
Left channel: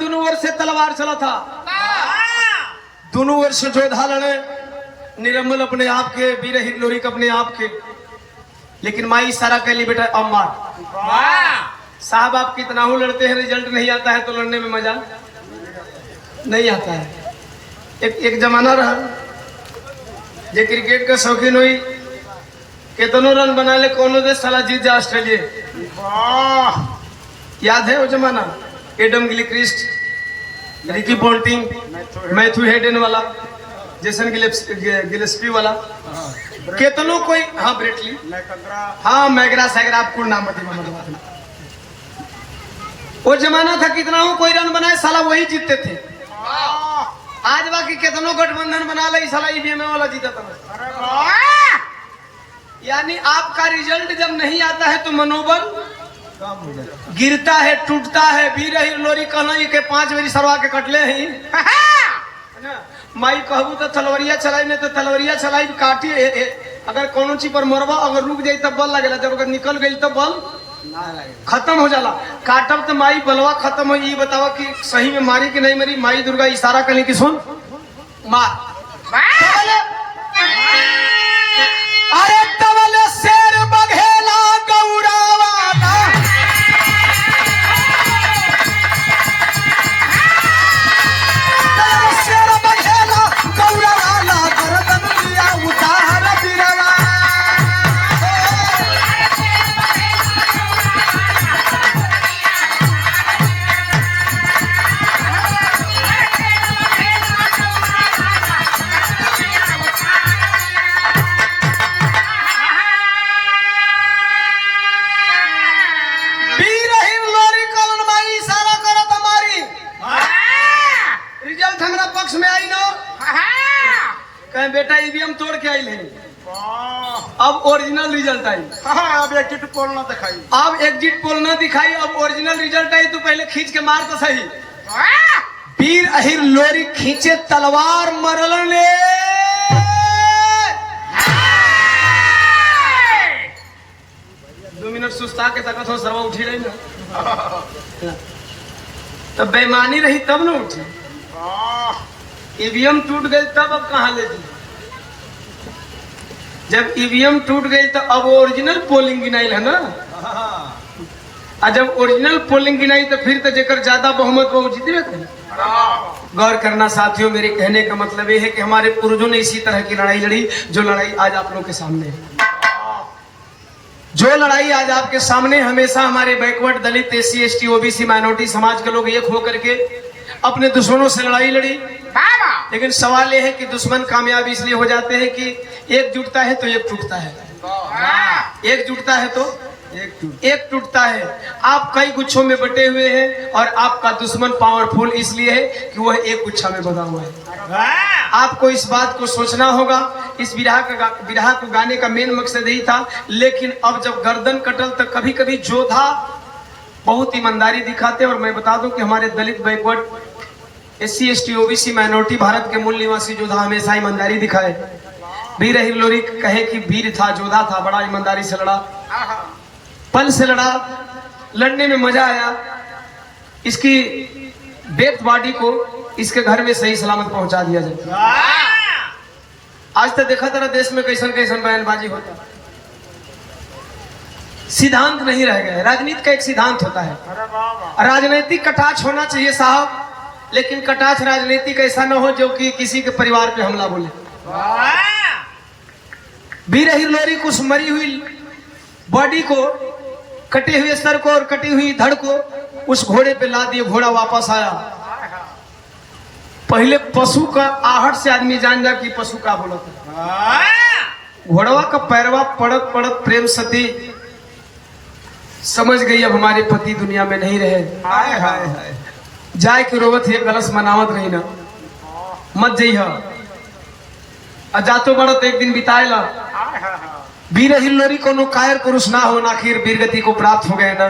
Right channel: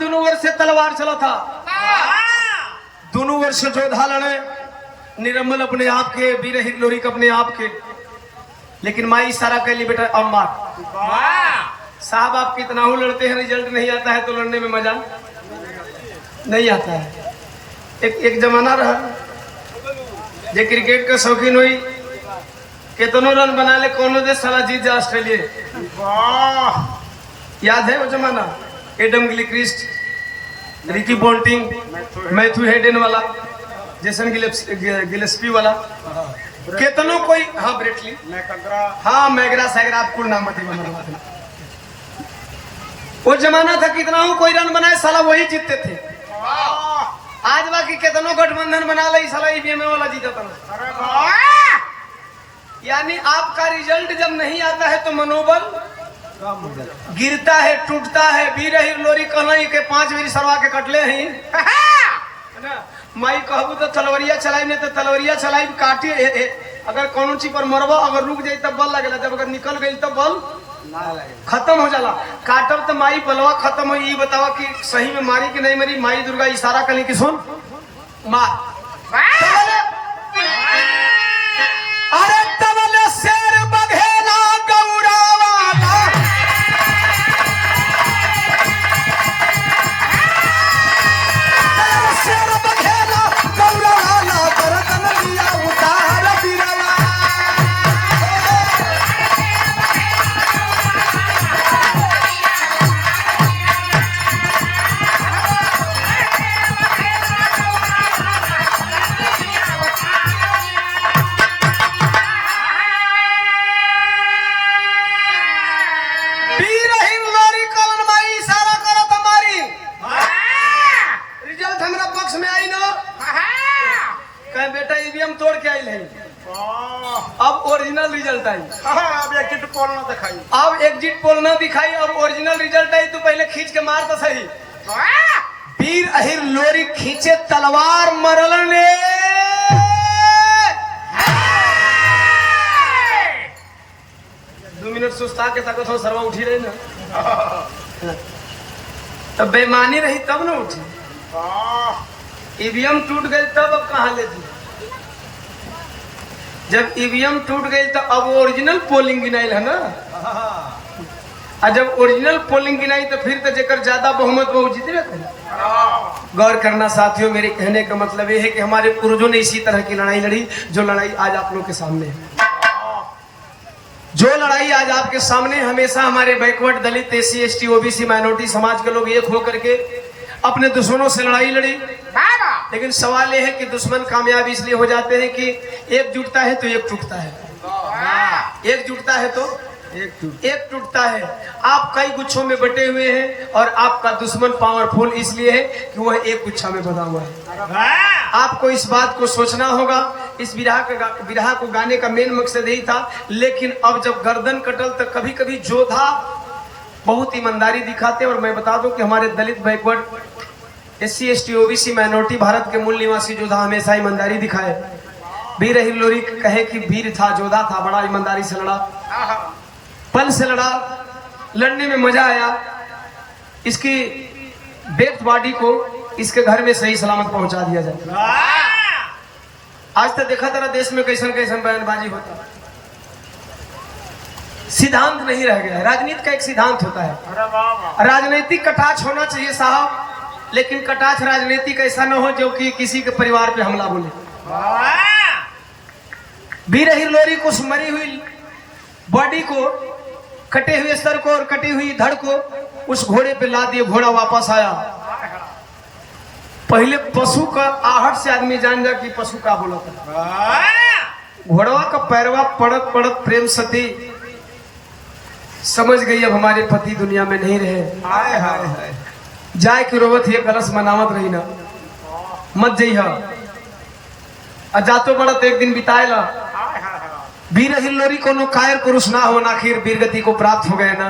दोनों ओर से तलवार चला था, दोनों ओर से जोधा लड़े, निरम्मल अपने आप के, वीर हिंगलोरी अपने आप के, लेकिन माई सारा के लिए बेटा अम्मा साहब आप कितना हो लड़ते हैं, रिजल्ट नहीं आता है तो लड़ने में मजा नहीं आता है। एक जमाना रहा जे क्रिकेट का शौकीन हुई, कितनों रन बना ले कौन देश साला जीत जा ऑस्ट्रेलिया। वाह याद है वो जमाना, एडम गिलक्रिस्ट, रिकी पॉन्टिंग, मैथ्यू हेडन वाला, जेसन गिलेस्पी वाला, कितनों कोई, हाँ ब्रेटली, हाँ मैगरा सैगरा, आपको नाम बता। वो जमाना था कितना कोई रन बनाए साला वही जीतते थे। आज बाकी कितनों गठबंधन बना ले साला ईवीएम वाला जीता था। यानी आपका रिजल्ट जब नहीं आता है तो मनोबल गिरता है, टूटता है। वीर हिंगलोरी कहना के 5 बेरी सरवा के कटले हैं माई कहबू तो तलवरिया चलाई, नहीं तो तलवरिया चलाई काटी, अगर कौन चीज पर मरबा अगर रुक जाए तब बल लगेला, जब अगर निकल गई तब बल खत्म हो जाला। काटब तो माई बलवा खत्म हो। ये बतावा कि सही में मारी कि नहीं मरी? माई दुर्गा इशारा कली कि सुन मार। अरे तवल शेर बघेला गौरावा, शेर बघेला गौरावा, दरदन लिया उतार दिरवा। ईवीएम तोड़ के आई है, वाह अब ओरिजिनल रिजल्ट आई। हाँ अब एक पोल ना दिखाई अब एग्जिट पोल ना दिखाई और ओरिजिनल रिजल्ट आई। तू पहले खींच के मार तो सही। वीर अहिर लोरी खींचे तलवार मरल ने, 2 मिनट सुस्ता के तक तो सरवा उठी रही ना, तब बेईमानी रही तब न उठी। वाह ईवीएम टूट गई तब अब कहाँ ले दी? जब ईवीएम टूट गई तो अब ओरिजिनल पोलिंग गिनाई है ना, और जब ओरिजिनल पोलिंग गिनाई तो फिर तो जेकर ज्यादा बहुमत वो जीते। गौर करना साथियों, मेरे कहने का मतलब ये है कि हमारे पूर्वजों ने इसी तरह की लड़ाई लड़ी जो लड़ाई आज आप लोगों के सामने है। जो लड़ाई आज आपके सामने, हमेशा हमारे backward Dalit SC ST OBC minority समाज के लोग एक होकर के अपने दुश्मनों से लड़ाई लड़ी। लेकिन सवाल यह है कि दुश्मन कामयाब इसलिए हो जाते हैं कि एक जुटता है तो एक टूटता है, एक जुटता है तो एक टूटता है। आप कई गुच्छों में बटे हुए हैं और आपका दुश्मन पावरफुल इसलिए है कि वह एक गुच्छा में बदला हुआ है। आपको इस बात को सोचना होगा। इस बिरहा को गाने का मेन मकसद यही था। लेकिन अब जब गर्दन कटल तो कभी कभी जोधा बहुत ईमानदारी दिखाते हैं। और मैं बता दूं कि हमारे Dalit backward SC ST OBC minority Bharat के मूल निवासी योद्धा हमेशा ईमानदारी दिखाए। वीर अहिर लोरी कहे कि वीर था, योद्धा था, बड़ा ईमानदारी से लड़ा, पल से लड़ा, लड़ने में मजा आया। इसकी डेथ बॉडी को इसके घर में सही सलामत पहुंचा दिया जाए। आज तक देखा तेरा देश में कैसन कैसन बयानबाजी होती, सिद्धांत नहीं रह गया। राजनीति का एक सिद्धांत होता है, राजनीतिक कटाक्ष होना चाहिए साहब, लेकिन कटाक्ष राजनीतिक ऐसा न हो जो कि किसी के परिवार पे हमला बोले। वीर अहिर लोरी को उस मरी हुई बॉडी को, कटे हुए सर को और कटी हुई धड़ को उस घोड़े पे ला दिए। घोड़ा वापस आया। पहले पशु का आहट से आदमी जान जा कि पशु का बोला था। घोड़वा का पैरवा पड़त पड़त प्रेम सती समझ गई अब हमारे पति दुनिया में नहीं रहे। जाए के रोवत है कलश मनावत रही ना, मत जइहा जातो बड़त एक दिन बिताएला। वीर अहिर लोरी कोनो कायर पुरुष ना हो, आखिर वीरगति को प्राप्त हो गए ना।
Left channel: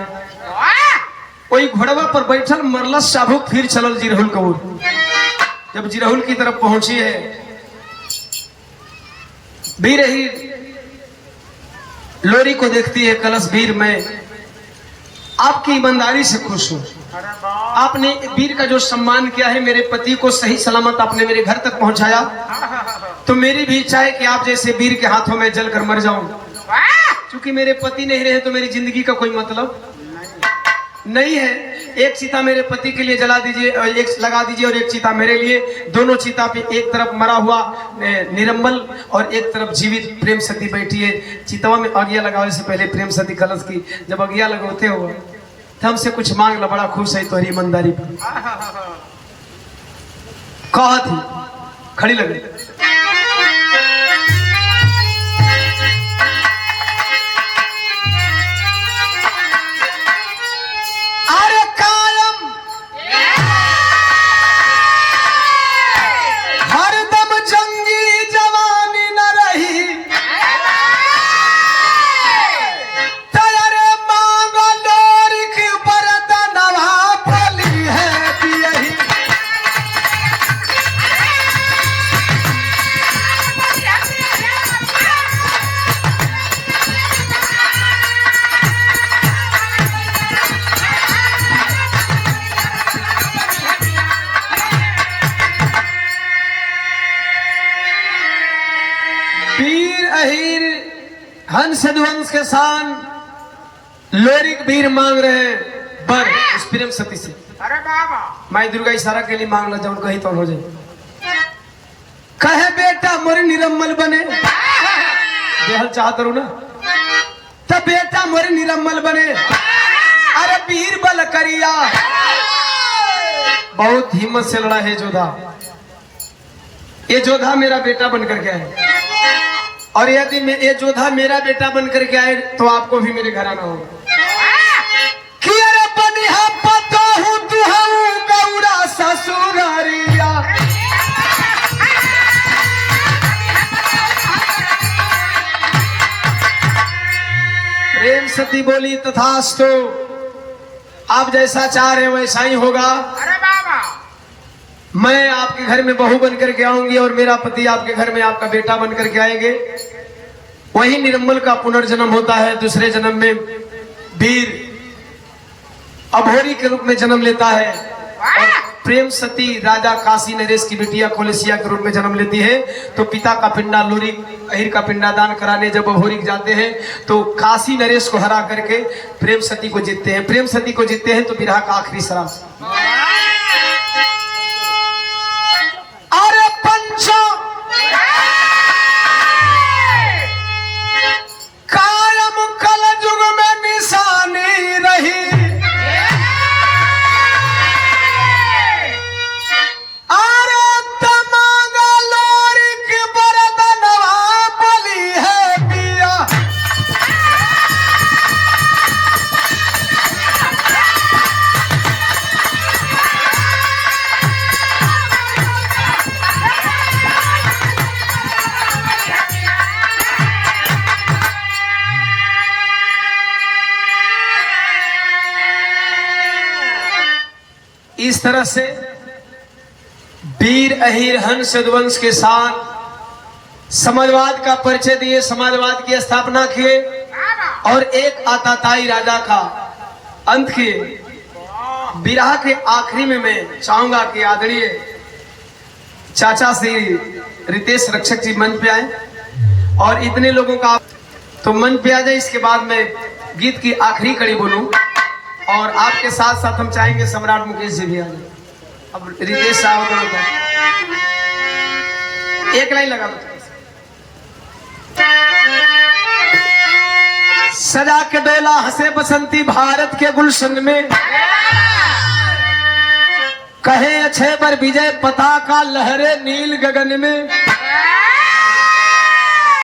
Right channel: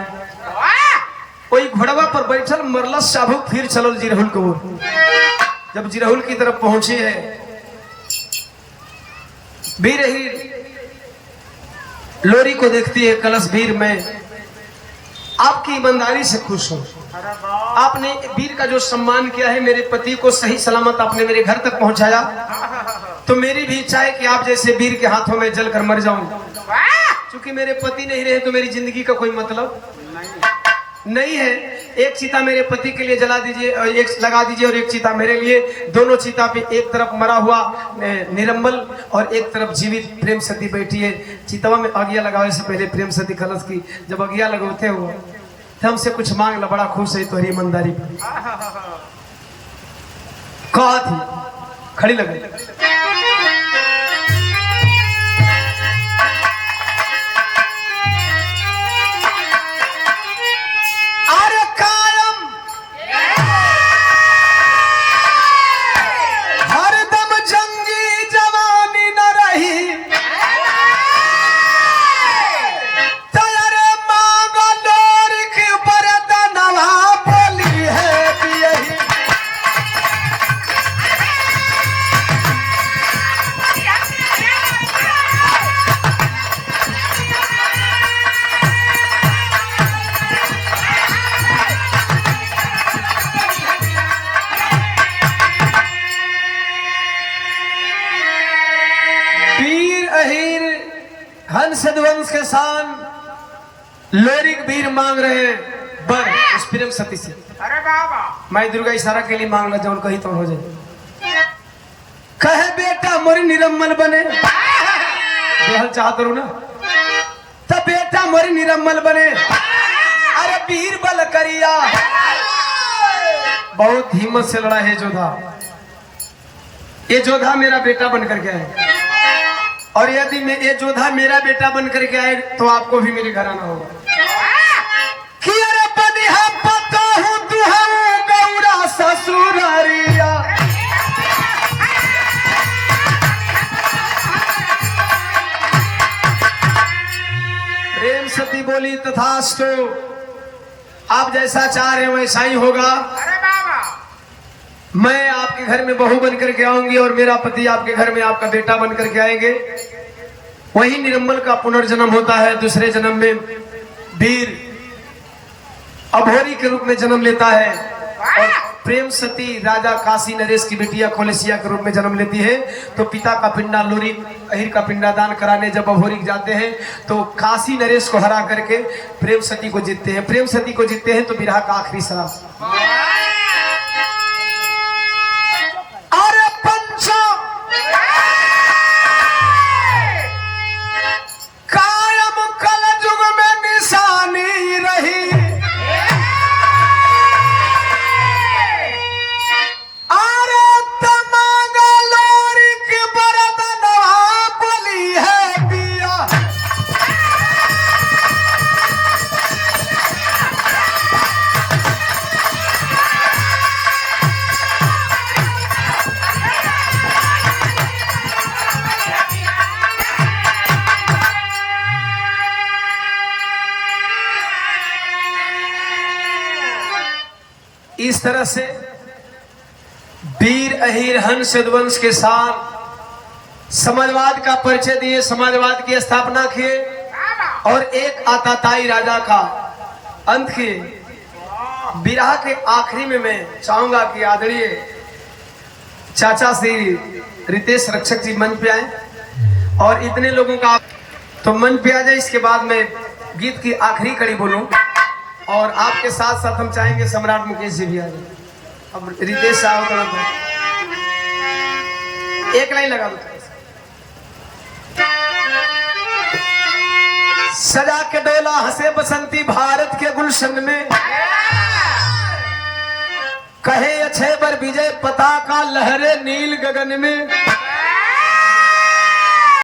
वही घोड़वा पर बैठल मरलस साबुक फिर चलल जिरहुल को। जब जिरहुल की तरफ पहुंची है, वीर अहिर लोरी को देखती है। कलश वीर में आपकी ईमानदारी से खुश हूं, आपने वीर का जो सम्मान किया है, मेरे पति को सही सलामत आपने मेरे घर तक पहुंचाया, तो मेरी भी इच्छा है कि आप जैसे वीर के हाथों में जलकर मर जाऊं। क्योंकि मेरे पति नहीं रहे तो मेरी जिंदगी का कोई मतलब नहीं है। एक चिता मेरे पति के लिए जला दीजिए, एक लगा दीजिए और एक चिता मेरे लिए। दोनों चिता पे एक तरफ मरा हुआ निरंबल और एक तरफ जीवित प्रेम सती बैठी है। चिताओं में अगिया लगाने से पहले प्रेम सती कलश की जब अगिया लगाते हो तो हमसे कुछ मांग ला, बड़ा खुश है तुम्हारी ईमानदारी पे। कहा थी खड़ी लग गई। हंस के शान लोरिक वीर मांग रहे हैं बर इस प्रेम सती से। अरे बाबा माई दुर्गा इशारा के लिए मांग ला, जब कहीं तो हो जाए। कहे बेटा मोरी निरम्मल बने, चाहते हो ना, तब बेटा मोरी निरम्मल बने। अरे वीर बल करिया, बहुत हिम्मत से लड़ा है जोधा। ये जोधा मेरा बेटा बनकर के आए, और यदि मैं ये जोधा मेरा बेटा बनकर के आए तो आपको भी मेरे घर आना होगा। ससुरारिया बोली तथास्तु, आप जैसा चाह रहे हैं वैसा ही होगा। अरे बाबा मैं आपके घर में बहू बन करके आऊंगी और मेरा पति आपके घर में आपका बेटा बन करके आएंगे। वही निर्मल का पुनर्जन्म होता है, दूसरे जन्म में वीर अभोरी के रूप में जन्म लेता है और प्रेम सती राजा काशी नरेश की बिटिया कोलेसिया के रूप में जन्म लेती है। तो पिता का पिंडा लोरी अहिर का पिंडादान कराने जब अभोरी जाते हैं तो काशी नरेश को हरा करके प्रेम सती को जीतते हैं। प्रेम सती को जीतते हैं तो विरह का आखिरी श्राप, अरे पंचो कायम कल युग में निशानी रही, इस तरह से वीर अहिर हंस यदुवंश के साथ समाजवाद का परिचय दिए, समाजवाद की स्थापना किए और एक आताताई राजा का अंत किए। विरह के आखिरी में मैं चाहूंगा कि आदरणीय चाचा श्री रितेश रक्षक जी मंच पे आए और इतने लोगों का तो मंच पे आ जाए। इसके बाद मैं गीत की आखिरी कड़ी बोलूं और आपके साथ साथ हम चाहेंगे सम्राट मुकेश जी भी आए। अब रितेश साहब एक लाइन लगा दो। सजा के बेला हंसे बसंती भारत के गुलशन में, कहे अच्छे बर विजय पताका लहरे नील गगन में।